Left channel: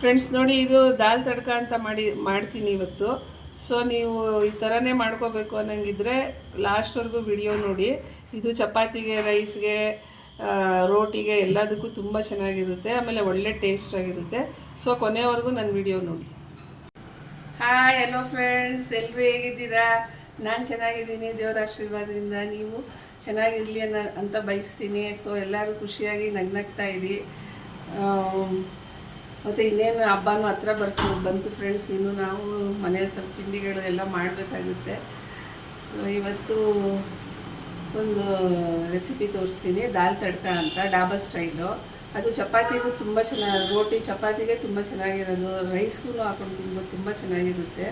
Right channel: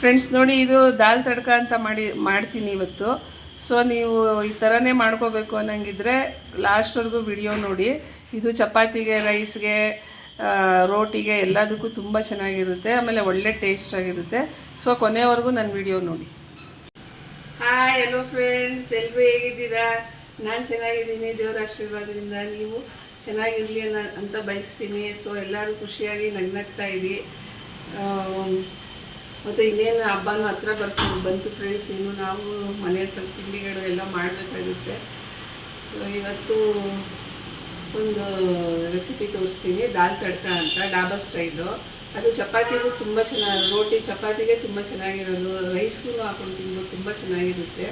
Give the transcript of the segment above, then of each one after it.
Friends ನೋಡಿ ಇದು ದಾಲ್ ತಡ್ಕ ಅಂತ ಮಾಡಿ, ಮಾಡ್ತೀನಿ ಇವತ್ತು. ಸೊ ನೀವು ಈ ಥರನೇ ಮಾಡ್ಕೋಬೇಕು ಅನ್ನಂಗಿದ್ರೆ ಲಾಸ್ಟ್ವರೆಗೂ ವಿಡಿಯೋ ನೋಡಿ. ಇದು ಚಪಾತಿಗೆ ರೈಸ್ಗೆ ರೋಟಿಗೆ ಎಲ್ಲದಕ್ಕೂ ತುಂಬ ಚೆನ್ನಾಗಿರುತ್ತೆ. ಆಮೇಲೆ ಒಳ್ಳೆ ಟೇಸ್ಟ್ ಆಗಿರುತ್ತೆ. ಸೊ ಕೊನೆಯವರೆಗೂ ನನ್ನ ವಿಡಿಯೋ ನೋಡಿ. ಹಾಯ್ ಹಲೋ ಫ್ರೆಂಡ್ಸ್ ಎಲ್ಲರೂ ಹೇಗಿದ್ದೀರಾ? ನಾನು ಚೆನ್ನಾಗಿದ್ದೀನಿ. ದೇವರ ಆಶೀರ್ವಾದದಿಂದ ನೀವು ಚೆನ್ನಾಗಿರಲಿ ಅನ್ನೋ, ಅಂತ ಬಯಸ್ತೀನಿ. ಸೊ ಎಲ್ಲರೂ ಖುಷಿಯಾಗಿ ನಗ್ನಗ್ತಾ ಇರಿ. ಮತ್ತು ಇನ್ನೇನು ಹಬ್ಬನೂ ಹತ್ರ ಬರ್ತು ಬಂತು ಫ್ರೆಂಡ್ಸ್ ಇನ್ನು ನಾವು ಮನೆ ಸ್ವಲ್ಪ ತಿಂಡಿಗಳು ಎಲ್ಲ ಮಾಡಬೇಕಾಗುತ್ತೆ. ಸೊ ಇವತ್ತು ಒಂದು ರೆಸಿಪಿ ತೋರಿಸ್ತೀನಿ. ದಾಲ್ ತಡ್ಕ ಅಂತ, ಡಾಬಾ ಸ್ಟೈಲು ಅದು ಚಪಾತಿಗೂ ತುಂಬ ಚೆನ್ನಾಗಿ ರೋಟಿ ಚಪಾತಿಗೆ ತುಂಬ ಚೆನ್ನಾಗಿರೋದು. ರೈಸ್ಗೂ ಹಾಕೊಂಡು ತಿನ್ಬೋದು ತುಂಬ ಚೆನ್ನಾಗಿರುತ್ತೆ.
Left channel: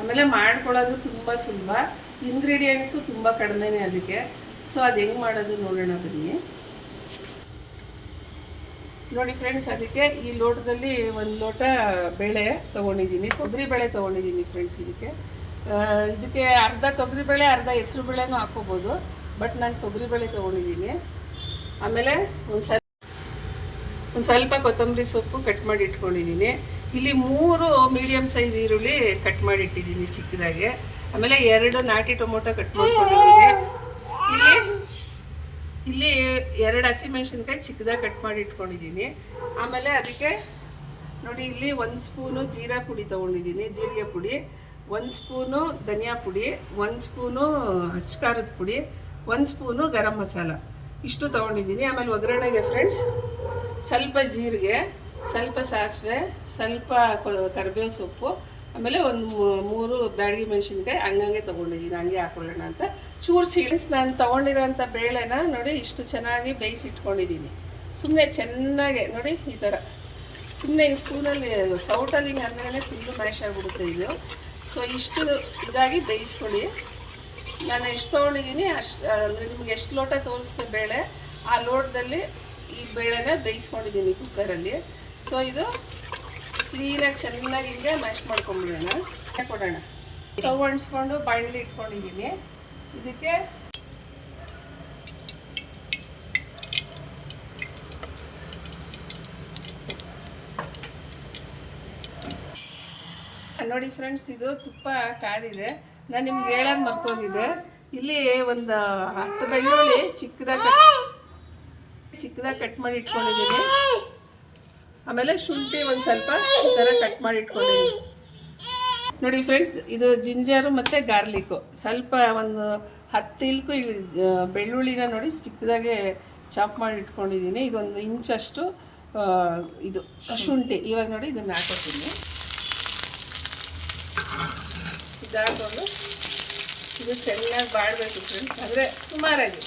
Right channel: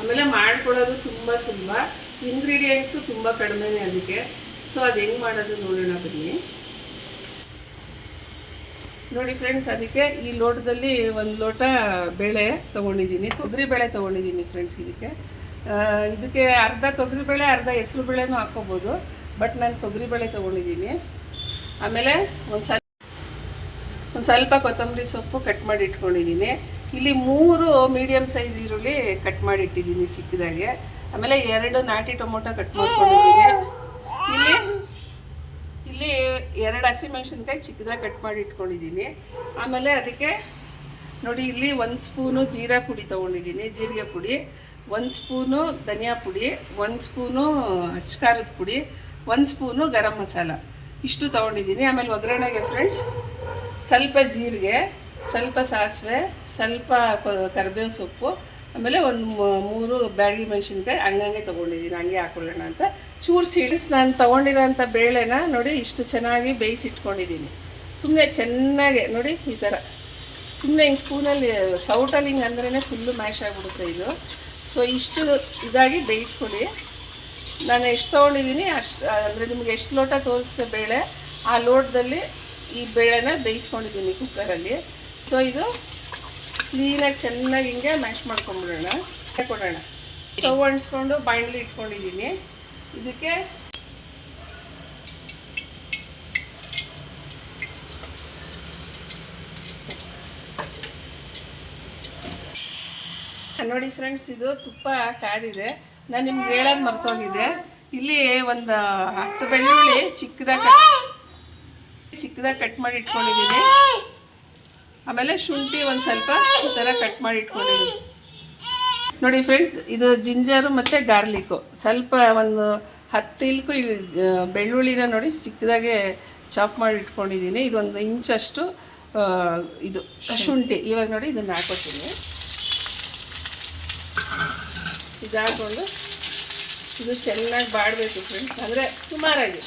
ಆಮೇಲೆ ಮಾಡ್ಕೊಳ್ಳೋದು ತುಂಬ ಸುಲಭ. ಇಂಗ್ರೀಡಿಯೆಂಟ್ಸು ತುಂಬ ಕಡಿಮೆನೇ ಅದಕ್ಕೆ. ಸೊ ಅದು ಹೆಂಗೆ ಮಾಡೋದು ನೋಡೋಣ ಬನ್ನಿ. ನೋಡಿ ಫ್ರೆಂಡ್ಸ್ ಅದಕ್ಕೆ ಈ ಲೋಟದಲ್ಲಿ ಒಂದು ಲೋಟ ಬೇಳೆ ತೊಗೊಂಡಿದ್ದೀನಿ. ತೊಗರಿ ಬೇಳೆ ತೊಗೊಂಡಿದ್ದೀನಿ ಫ್ರೆಂಡ್ಸ್ ಇದಕ್ಕೆ. ಇದಕ್ಕೆ ಅರ್ಧ ತೊಗರಿ ಬೇಳೆ, ಅರ್ಧ ಹೆಸರು ಬೇಳೆನೂ ಹಾಕ್ಕೋಬೋದು. ಬಟ್ ನಾನು ತೊಗರಿ ಬೇಳೆ ತೊಗೊಂಡಿದ್ದೀನಿ. ಆಮೇಲೆ ಒಂದು ಸ್ವಲ್ಪ ಒಂದು ಸ್ವಲ್ಪ ಕೊತ್ತಂಬರಿ ಸೊಪ್ಪು ಕಟ್ ಮಾಡಿ ಇಟ್ಕೊಂಡಿದ್ದೀನಿ. ಇಲ್ಲಿ ಮೂರು ಮೀಡಿಯಮ್ ಸೈಜ್ ಈರುಳ್ಳಿ ಕಟ್ ಮಾಡಿ ಇಟ್ಟಿದ್ದೀನಿ ಚಿಕ್ಕದಾಗೆ. ಆಮೇಲೆ ಎರಡು ನಾಟಿ ಟೊಮೊಟೊ ಕಟ್ ಮಾಡ್ಕೊಂಡಿದ್ದೀನಿ. ಇಲ್ಲಿ ಇಲ್ಲಿ ಎರಡು ಹಸಿಮೆಣ್ಸಿನ್ಕಾಯಿ ಚಿಕ್ಕದಾಗಿ ಕಟ್ ಮಾಡಿ ಇಟ್ಕೊಂಡಿದ್ದೀನಿ. ಆಮೇಲೆ ಅದಕ್ಕೆ ನೋಡಿ, ಇಲ್ಲಿ ಒಂದು ಸ್ಪೂನು ಜೀರಾ ಪುಡಿ ತೊಗೊಂಡಿದ್ದೀನಿ, ಜೀರಿಗೆ ಪುಡಿ. ಒಂದು ಸ್ಪೂನು ಧನಿಯಾ ಪುಡಿ, ಒಂದು ಸ್ಪೂನು ಹಚ್ಕಾರದ ಪುಡಿ, ಒಂದು ಸ್ಪೂನು ಗರಂ ಮಸಾಲ. ಇಷ್ಟು ತೊಗೊಂಡಿದ್ದೀನಿ. ಆಮೇಲೆ ಒಗ್ಗರಣೆಗೆ ಫ್ರೆಂಡ್ಸ್ ಸ್ವಲ್ಪ ಜೀರಿಗೆ, ಸ್ವಲ್ಪ ಸಾಸಿವೆ, ಸ್ವಲ್ಪ ಕರ್ಬೇವು ಕರಿಬೇವು ಸೊಪ್ಪು, ಆಮೇಲೆ ಒಂದು ಮೂರು ಬ್ಯಾಡಗಿ ಮೆಣಸಿನ್ಕಾಯಿ ಹಂಗಂಗೆ ತೊಗೊಂಡಿದ್ದೀನಿ, ಹಂಗೆ ಹಾಕೊಳ್ಳೋಣ ಅಂತ. ಚೂರು ಸಿಡಿಸಿ ನಾನು ತೊಗೊಂಡಿರೋಂಥ ಬೇಳೆನ ನೋಡಿ ಇಷ್ಟು ಚೆನ್ನಾಗಿ ಬೇಯಿಸಿಟ್ಕೊಂಡಿದ್ದೀನಿ. ಸುಮ್ಮನೆ ಚೆನ್ನಾಗೆ, ನೋಡಿ ಈ ಥರ. ಸುಮ್ಮನೆ ಹಿಂಗೆ ಸ್ಪೂನಲ್ಲಿ ಸೌಟಲ್ಲಿ ಹಿಂಗೆ ಅಂದ್ರೇ ಫುಲ್ಲು ಮ್ಯಾಶ್ ಆಗಿಬಿಡುತ್ತೆ ಇದು. ಸೊ ಇಷ್ಟು ಇದಾಗಿ ಬೇಯಿಸ್ಕೊಳ್ಳಿ. ನಾನು ಎಷ್ಟು ತೊಗೊಂಡಿದ್ದೀನಿ, ಅಷ್ಟು, ಅಂದರೆ ನಿಮ್ಗೆ ಎಷ್ಟು ಲೋಟ ತೋರಿಸ್ತೆ ಬೇಳೆ, ಆ ಲೋಟದಲ್ಲಿ ಈ ಬೇಳೆನ ಬೇಯಿಸ್ಕೊಂಡಿದ್ದೀನಿ ಕುಕ್ಕರಲ್ಲಿ ಸೊ ಇದು ಕ್ಲೀನಾಗಿ ಚೆನ್ನಾಗಿ ಹಿಂಗೆ ಮ್ಯಾಶ್ ಮಾಡ್ಕೊಂಡ್ಬಿಡೋಣ ಕೊಡೋಣ. ಸ್ಟವ್ ಅಂಟಿಸ್ಕೊಂಡು ಬಾಣಲಿ ಇಟ್ಕೊಂಡಿದ್ದೀನಿ. ಇದಕ್ಕೆ ನೋಡಿ ಫ್ರೆಂಡ್ಸ್ ಇದು ತುಪ್ಪ ಕಾದಿದೆ ನಾನು ನಿಮ್ಗೆ ಹೇಳೋದು ಮರ್ತೋಗಿದೆ. ಇಲ್ಲಿ ಒಂದು ಹತ್ತು ಬೆಳ್ಳುಳ್ಳಿ ಚಿಕ್ಕದಾಗಿ ಕಟ್ ಚಿಕ್ಕದಾಗಿ ಕಟ್ ಮಾಡಿ ಇಟ್ಕೊಂಡಿದ್ದೀನಿ. ಆಮೇಲೆ ಶುಂಠಿ ಒಂದು ಸ್ವಲ್ಪ ಈ ಥರ ಕಟ್ ಮಾಡಿ ಇಟ್ಕೊಂಡಿದ್ದೀನಿ. ನೋಡಿ ಫ್ರೆಂಡ್ಸ್ ಇದು ಜಿಂಜರು ಮತ್ತು ಗಾರ್ಲಿಕ್ಕು. ಸ್ವಲ್ಪ ಒಂದು ಹತ್ತು ಇಲ್ಕು ಬೆಳ್ಳುಳ್ಳಿನ ನೋಡಿ ಸ್ಟಿಕ್ದಾಗೆ ಚಾಪ್ ಮಾಡಿ ಇಟ್ಕೊಂಡಿದ್ದೀನಿ. ಇದೊಂದು ಇಂಚಷ್ಟು ಇದು, ಶುಂಠಿ. ಇವಾಗ ನೋಡಿ ಇದನ್ನು ಹಾಕೋತೀನಿ. ಇದು ಹಾಕೊಂಡು ಇದು ಚೆನ್ನಾಗಿ ಬಾಡಬೇಕು ಫ್ರೆಂಡ್ಸ್ ಅಂದರೆ ಸುಮಾರಾಗಿ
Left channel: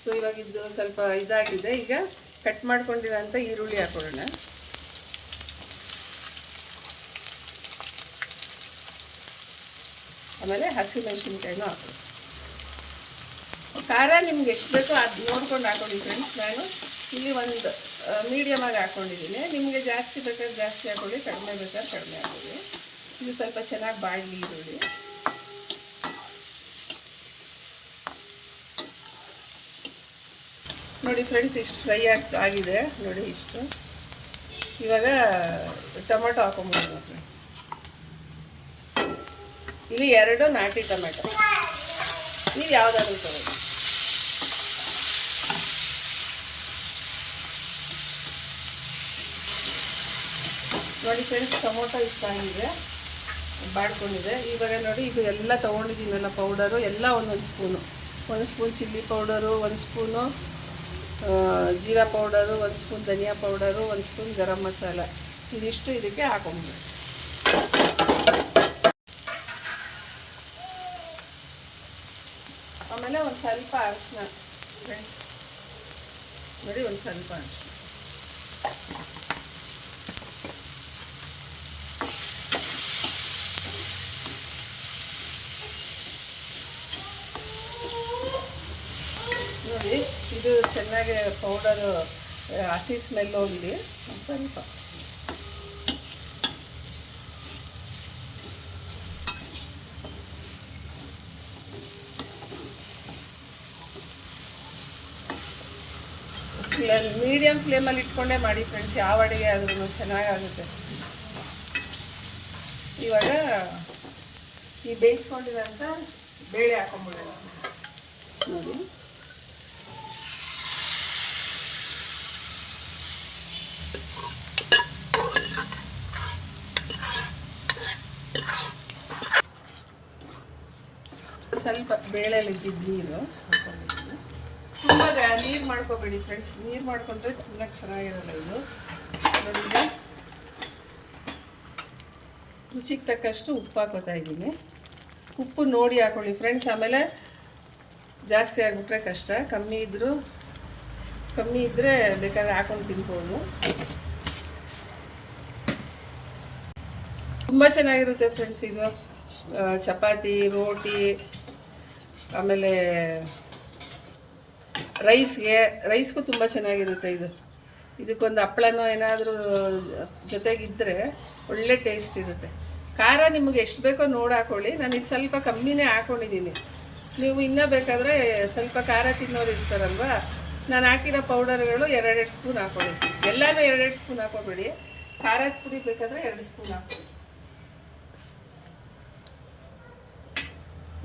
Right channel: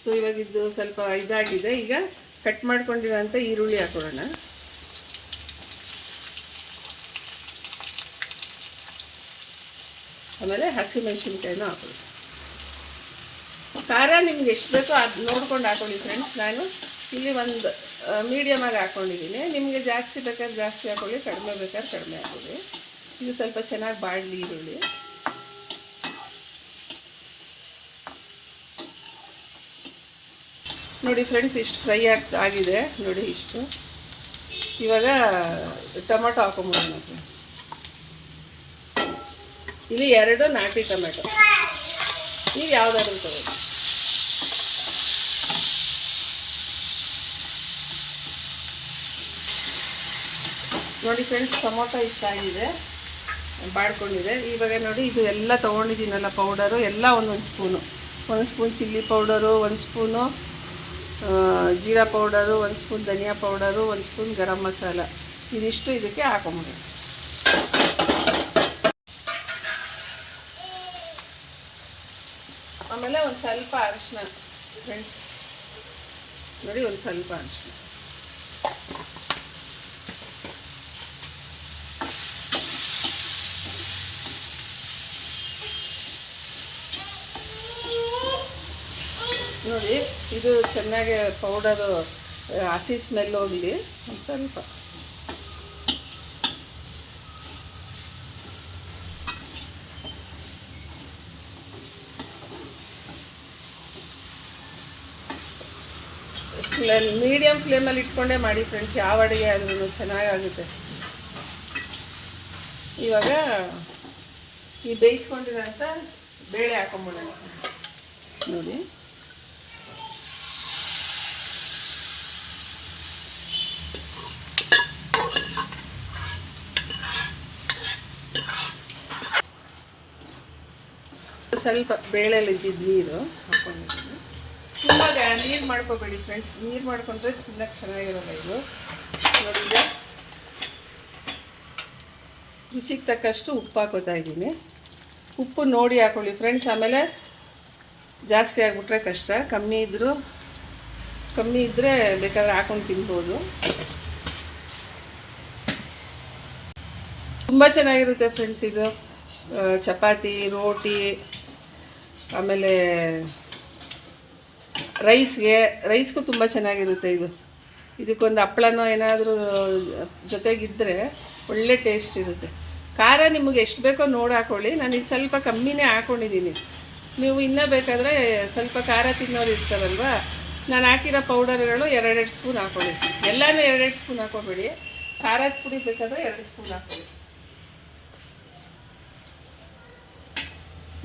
ಸೊ ಇವಾಗ ಇದು ಸ್ವಲ್ಪ ಇದಾಗಿದೆ. ಈಗ ಕಟ್ ಮಾಡ್ಕೊಂಡಿರೋಂಥ ಈರುಳ್ಳಿ ಹಾಕೊಳ್ಳೋಣ. ಆಮೇಲೆ ಹಸಿಮೆಣಸಿನ್ಕಾಯಿನೂ ಹಾಕೊಳ್ಳಿ ಖಾರ ನಿಮ್ಗೆ ಎಷ್ಟು ಬೇಕೋ ಅದು ನೋಡ್ಕೊಂಡು ಹಾಕೊಳ್ಳಿ ಫ್ರೆಂಡ್ಸ್ ನಾನು ಇಲ್ಲಿ ಒಂದು ಮೀಡಿಯಮಾಗಿ ಹಾಕ್ಕೊಂಡಿದ್ದೀನಿ ನಿಮಗೆ ಜಾಸ್ತಿ ಬೇಕಾದ್ರೆ ಜಾಸ್ತಿ ಹಾಕೊಳ್ಳಿ, ಕಡಿಮೆ ಬೇಕಾದ್ರೆ ಕಡಿಮೆ ಹಾಕೊಳ್ಳಿ. ಇದು ಸ್ವಲ್ಪ ಚೆನ್ನಾಗಿ ಬಾಡಲಿ ಈರುಳ್ಳಿ. ನೋಡಿ ಫ್ರೆಂಡ್ಸ್, ಇಷ್ಟು ಫ್ರೈ ಆಗ್ತಾ ಆಗಿದೆ. ನೋಡಿ ಇಷ್ಟು. ಇವಾಗ ಟೊಮೆಟೊ ಹಾಕೊಂಬಿಡೋಣ ಫ್ರೆಂಡ್ಸ್. ಇಲ್ಲಿ ಎರಡು ನಾಟಿ ಟೊಮೆಟೊ. ನೀವು ಯಾವ್ದಾದ್ರು ತಗೊಳ್ಳಿ. ನೋಡಿ ಫ್ರೆಂಡ್ಸ್, ಟೊಮೊಟೊ ಇಷ್ಟ ಆಗಿದೆ. ಬಾಡ್ಕೊಂಡಿದೆ. ಇವಾಗ ನೋಡಿ, ಇದು ಎಲ್ಲ ತೊಗೊಂಡಿದ್ದೀನಲ್ಲ ಪೌಡರು ಎಲ್ಲ ಒಂದೊಂದು ಸ್ಪೂನು. ಒಂದು ಸ್ಪೂನ್ ಚಿಲ್ಲಿ ಪೌಡರು, ಒಂದು ಸ್ಪೂನು ಜೀರಾ ಪೌಡರು, ಒಂದು ಸ್ಪೂನ್ ಧನಿಯಾ ಪೌಡರು, ಒಂದು ಸ್ಪೂನ್ ಗರಂ ಮಸಾಲ. ಇದಿಷ್ಟು ಇದಕ್ಕೆ ಹಾಕೊಂಬಿಡಿ ಆಮೇಲೆ ಒಂದು ಸ್ವಲ್ಪ ಅರಿಶಿನ ನೋಡಿ ಒಂದು ಸ್ವಲ್ಪ ಅರಿಶಿನ ನೋಡಿ, ಇದು ಚೆನ್ನಾಗಿ ಪೌಡರು ಹಸಿ ಸ್ಮೆಲ್ ಹೋಗಲಿ. ಒಂದು ಸ್ವಲ್ಪ. ಮೀಡಿಯಮ್ ಫ್ಲೇಮಲ್ಲಿ ಇಟ್ಕೊಂಡೇ ಮಾಡಿ ಫ್ರೆಂಡ್ಸ್ ಯಾವ ಅಡುಗೆ ಆದ್ರೂ ಚೆನ್ನಾಗಾಗುತ್ತೆ. ಇವಾಗ ಈ ಬೇಯಿಸ್ಕೊಂಡಿರೋಂಥ ಬೇಳೆ ಹಾಕೊಂಬಿಡೋಣ. ನೋಡಿ. ಸ್ವಲ್ಪ ಬೇಳೆಲಿ ಇದ್ದಿದ್ದು ನೀರು ಹಾಕೊಂಡಿದ್ದೀನಿ. ತುಂಬ ನೀರು ಮಾಡ್ಕೋಬೇಡಿ ಫ್ರೆಂಡ್ಸ್ ನೀರು ಮಾಡ್ಕೊಂಡ್ರೆ ತಿನ್ನಕ್ಕೆ ಚೆನ್ನಾಗಿರಲ್ಲ ಇದು. ರುಚಿಗೆ ತಕ್ಕಷ್ಟು ಉಪ್ಪು ಹಾಕೋತಾ ಇದ್ದೀನಿ. ಉಪ್ಪು ನೋಡಿ ಹಾಕೊಳ್ಳಿ ಫ್ರೆಂಡ್ಸ್ ಆಮೇಲೆ ಜಾಸ್ತಿ ಆಗಿಬಿಟ್ರೆ ಕಷ್ಟ. ಕಮ್ಮಿ ಇದ್ದರೂ ಕಮ್ಮಿ ಇದ್ದರೆ ಬೇಕಾದ್ರೆ ಹಾಕೊಂಡು ತಿನ್ಬೋದು. ತುಂಬ ಚೆನ್ನಾಗಿರುತ್ತೆ ಫ್ರೆಂಡ್ಸ್ ಇದು. ಚಪಾತಿ, ರೋಟಿ ಆಮೇಲೆ ರೈಸ್ಗೆ, ರೈಸ್ಗೂ ತುಂಬ ಚೆನ್ನಾಗಿರುತ್ತೆ ಇದು. ಇದಕ್ಕೊಂದು ಹಪ್ಪಳನೋ ಏನಾದರೂ ಜೊತೆಗಿದ್ದರೆ ಒಳ್ಳೆ ಟೇಸ್ಟ್ ಇರುತ್ತೆ. ಖಾರ ನಿಮಗೆ ಎಷ್ಟು ಬೇಕೋ ನೋಡಿ ಹಾಕೊಳ್ಳಿ ನಾನು ಇದು ಸ್ವಲ್ಪ ಕಮ್ಮಿನೇ ಹಾಕ್ಕೊಂಡಿದ್ದೀನಿ ನೀವು ಇನ್ನೂ ಬೇಕಾದರೆ ಸ್ವಲ್ಪ ಖಾರ ತಿನ್ನೋರು ಇರ್ತಾರಲ್ವ? ನಾನು ಹಾಕಿರೋ ಪೌಡರ್ಗಳು ಎರಡೆರಡು ಸ್ಪೂನ್ ಹಾಕೊಂಡಿರ್ತೀನಿ. ಎಲ್ಲನೂ ಎರಡೆರಡು ಸ್ಪೂನ್ ಹಾಕೋಬೇಡಿ. ಖಾರದ ಪುಡಿ ಬೇಕಾದರೆ ಎರಡು ಸ್ಪೂನ್ ಹಾಕೊಳ್ಳಿ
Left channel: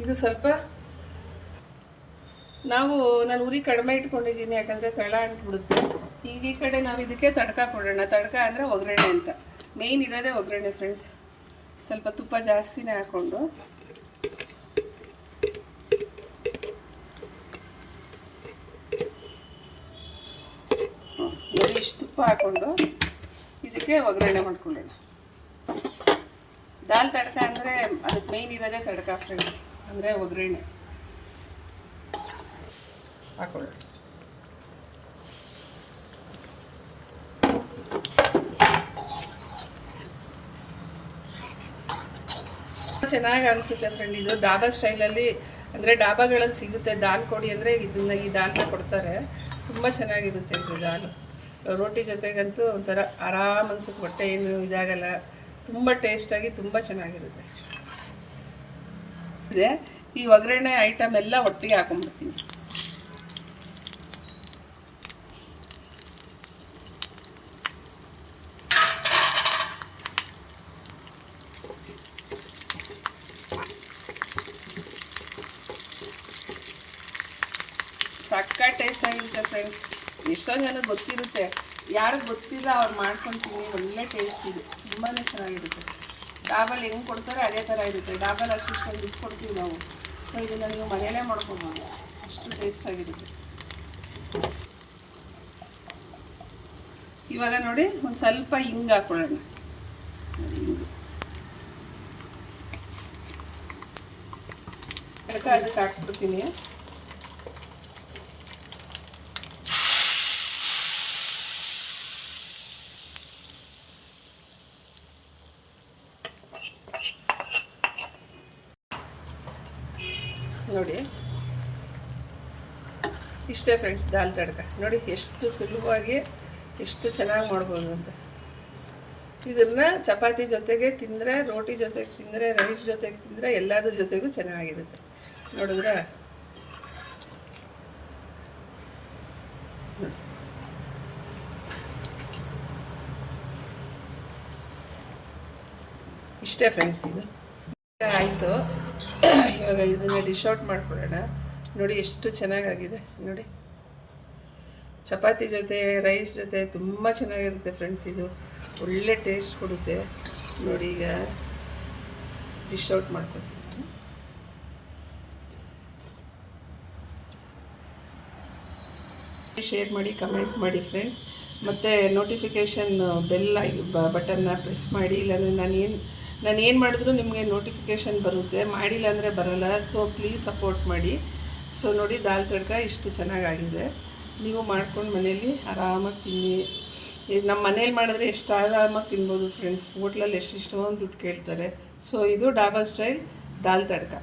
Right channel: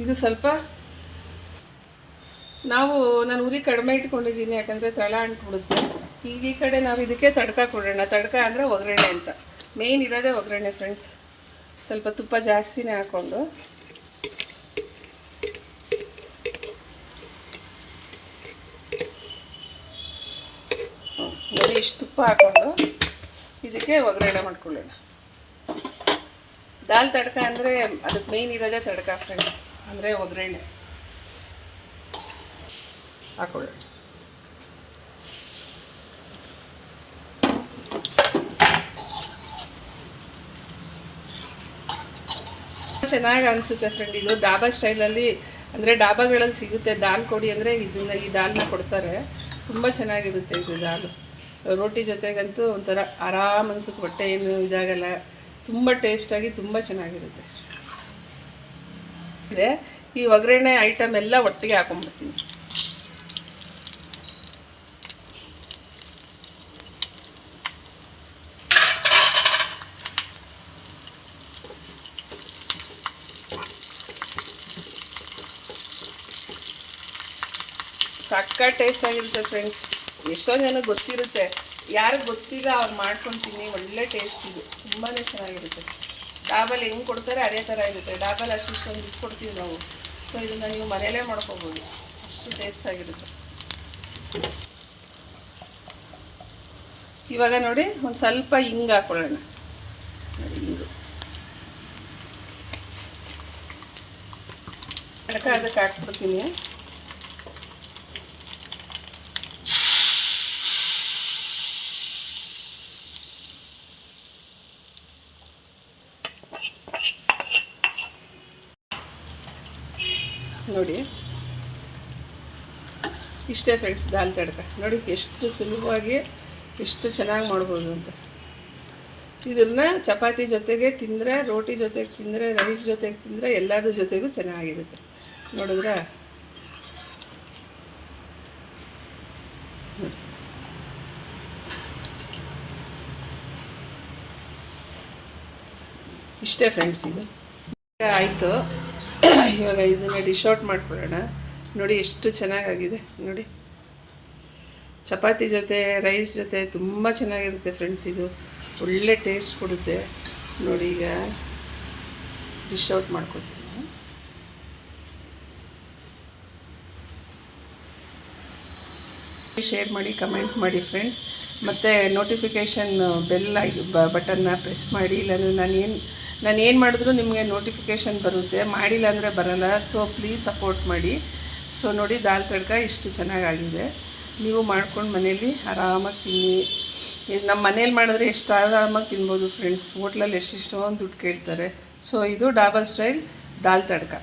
ಇದು ಸ್ವಲ್ಪ ನಾವು, ನಾನು ಉರಿ ಕಡಿಮೆ ಇಟ್ಕೊಂಡಿದ್ದೀನಿ, ಯಾಕಂದರೆ ತಳ ಅಂಟ್ಬಿಡುತ್ತೆ. ಈಗ ಈ ಕಡೆ ನಾವು ಇದಕ್ಕೆ ತಡ್ಕ ಕೊಡೋಣ. ತಡ್ಕ ಅಂದರೆ ಒಗ್ಗರಣೆ ಅಂತ. ಮೇಯ್ನ್ ಇರೋದೇ ಒಗ್ಗರಣೆ ಫ್ರೆಂಡ್ಸ್ ಸ್ವಲ್ಪ ತುಪ್ಪ ಜಾಸ್ತಿನೇ ಹಾಕ್ಕೊಂಡು ಇಷ್ಟು ತುಪ್ಪ ಹಾಕ್ಕೊಂಡು ಇದಕ್ಕೆ ಒಗ್ಗರಣೆ ಮಾಡ್ಕೊಳ್ಳೋಣ. ದಾಲ್ ತಡ್ಕ ಅಂದರೆ ಅದಕ್ಕೆ ಮೇಯ್ನ್ ಇರೋದೇ ತಡ್ಕ ಫ್ರೆಂಡ್ಸ್ ಅಂದರೆ ಒಗ್ಗರಣೆ. ಹಾಕೊಳ್ಳೋಣ ಚೆನ್ನಾಗಿ ಅನಿಸುತ್ತೆ ಫ್ರೆಂಡ್ ಇದು ಡಾಬಾ ಸ್ಟೈಲಲ್ಲಿ ಅಂದರೆ ಡಾಬಾಗಳಲ್ಲಿ ಸಿಗುತ್ತೆ ದಾಲ್ ಕೊಡಿ ಅಂದರೆ ಇದನ್ನ ಈ ದಾಲ್ನ ಕೊಡ್ತಾರೆ. ತುಂಬ ಚೆನ್ನಾಗಿರುತ್ತೆ ಇದು ದಾಲ್. ರೋಟಿ ಜೊತೆಗಂತೂ ಒಂಥರ ಆರಾಮ್ ಅನ್ಸುತ್ತೆ, ಹೊಟ್ಟೆ ಏನು ಇದಾಗಲ್ಲ. ತುಂಬ ಟೇಸ್ಟಾಗಿ ತುಂಬ ಚೆನ್ನಾಗಿರುತ್ತೆ. ಈ ಒಗ್ಗರಣೆ ಐಟಮ್ ಎಲ್ಲ ಒಟ್ಟಿಗೆ ಹಾಕೊಂಡ್ಬಿಡ್ತೀನಿ. ಸಕ್ಕ ಟೇಸ್ಟ್ ಆಗಿರುತ್ತೆ ಫ್ರೆಂಡ್ಸ್ ಎಷ್ಟೋ ಜನಕ್ಕೆ ಗೊತ್ತಿರುತ್ತೆ. ಯಾರಿಗೆ ಗೊತ್ತಿಲ್ಲ ಅವ್ರು ಮಾಡ್ಕೊತೀನಿ ಒಳ್ಳೆ ಟೇಸ್ಟ್ ಇದೆ. ತುಂಬಾ ಚೆನ್ನಾಗಿರುತ್ತೆ. ಡಾಬಲ್ ಹೆಂಗೆ ಕೊಡ್ತಾರೆ ಅದೇ ಥರ ಇರುತ್ತೆ. ಡಾಬಲ್ ಅಷ್ಟು ಇಷ್ಟೊಂದು ಇದು ಕೊಡ್ತೀವಿ ನಾವು. ಸೊ ಇದನ್ನು ನೀವು ಮನೆಯಲ್ಲೇ ಮಾಡ್ಕೋಬೋದು. ಅಷ್ಟು ಟೇಸ್ಟ್ ಆಗಿರುತ್ತೆ. ಇವಾಗ ನೋಡಿ, ಒಂದು ಸ್ವಲ್ಪ ಹಿಂಗೆ ಹಾಕೊಳ್ಳೋಣ. ಅದಕ್ಕೆ ಅದಕ್ಕೆ ಹಾಕ್ಬಿಡ್ತೀನಿ ನೋಡಿ ಇಷ್ಟೇ ಫ್ರೆಂಡ್ಸ್ ದಾಲ್ ತಡಕ. ನೋಡಿ, ಎಷ್ಟು ಸುಲಭವಾಗಿ ಎಷ್ಟು ಚೆನ್ನಾಗಿ ಮಾಡ್ಬೋದು ಅಂತ. ಇದನ್ನು ಚಪಾತಿ ಜೊತೆಗೆ ತಿಂದರೆ, ರೋಟಿ ಜೊತೆಗೆ ತಿಂದರೆ ರೈಸ್ ಜೊತೆಗೆ ತಿಂದರೆ ಎಲ್ಲದ್ರ ಜೊತೆಗೂ ಚೆನ್ನಾಗಿರುತ್ತೆ. ನೋಡಿದ್ರೆ? ಇಷ್ಟೇ ಫ್ರೆಂಡ್ಸ್ ಇದು. ಆಯಿತು. ಇವಾಗ ಇದನ್ನು ಡಿಶ್ ಔಟ್ ನೋಡಿ ಎಷ್ಟು ಚೆನ್ನಾಗಾಗಿದೆ, ನೋಡಿ. ಚಪಾತಿ ಜೊತೆ, ರೈಸ್ ಜೊತೆ ತುಂಬ ಚೆನ್ನಾಗಿರುತ್ತೆ ಫ್ರೆಂಡ್ಸ್ ಇದು ಒಳ್ಳೆ ಟೇಸ್ಟ್ ಕೊಡುತ್ತೆ. ನೋಡಿ ಈಗ ಡಿಶ್ ಔಟ್ ಮಾಡ್ಕೊತೀನಿ. ಶೇರ್ ಮಾಡಿ ಕಮೆಂಟ್ ಮಾಡಿ ಫ್ರೆಂಡ್ಸ್ ಮತ್ತು ನೋಟಿಫಿಕೇಷನ್ ಬೆಲ್ ಬಟನ್ನ ಪ್ರೆಸ್ ಮಾಡಿ, ಇಲ್ಲಾಂದರೆ ನಾನು ಏನು ನಾನು ಏನು ಮಾಡಿದ್ರು ನಿಮಗೆ ನೋಟಿಫಿಕೇಷನ್ ಬರುತ್ತೆ. ಮಾಡಿಲ್ಲ ಅಂದರೆ ಬರಲ್ಲ. ಸೊ ಪ್ಲೀಸ್ ಸಪೋರ್ಟ್ ಮಾಡಿ. ಸೊ ನೋಡಿ, ದಾಲ್ ತಡ್ಕ ಇಷ್ಟು ಚೆನ್ನಾಗಾಗಿದೆ. ನೀವು ಮಾಡ್ಕೊಂಡು ಮನೇಲಿ ಆರಾಮಾಗಿ ತಿನ್ನಿ. ನಮ್ಮ ಮನೇಲಿ ಮಾಡಿದ್ರೆ ಎಷ್ಟು ಆರಾಮಾಗಿ ತಿನ್ಬೋದು ಫ್ರೆಂಡ್ಸ್ ಹೋಟ್ಲಲ್ಲಿ ಎಷ್ಟೆಷ್ಟೊಂದು ದುಡ್ಡು ಕೇಳ್ತಾರೆ. ಸೊ ಇದು ಡಾಬಾ ಸ್ಟೈಲ್ ದಾಲ್ ತಡ್ಕ.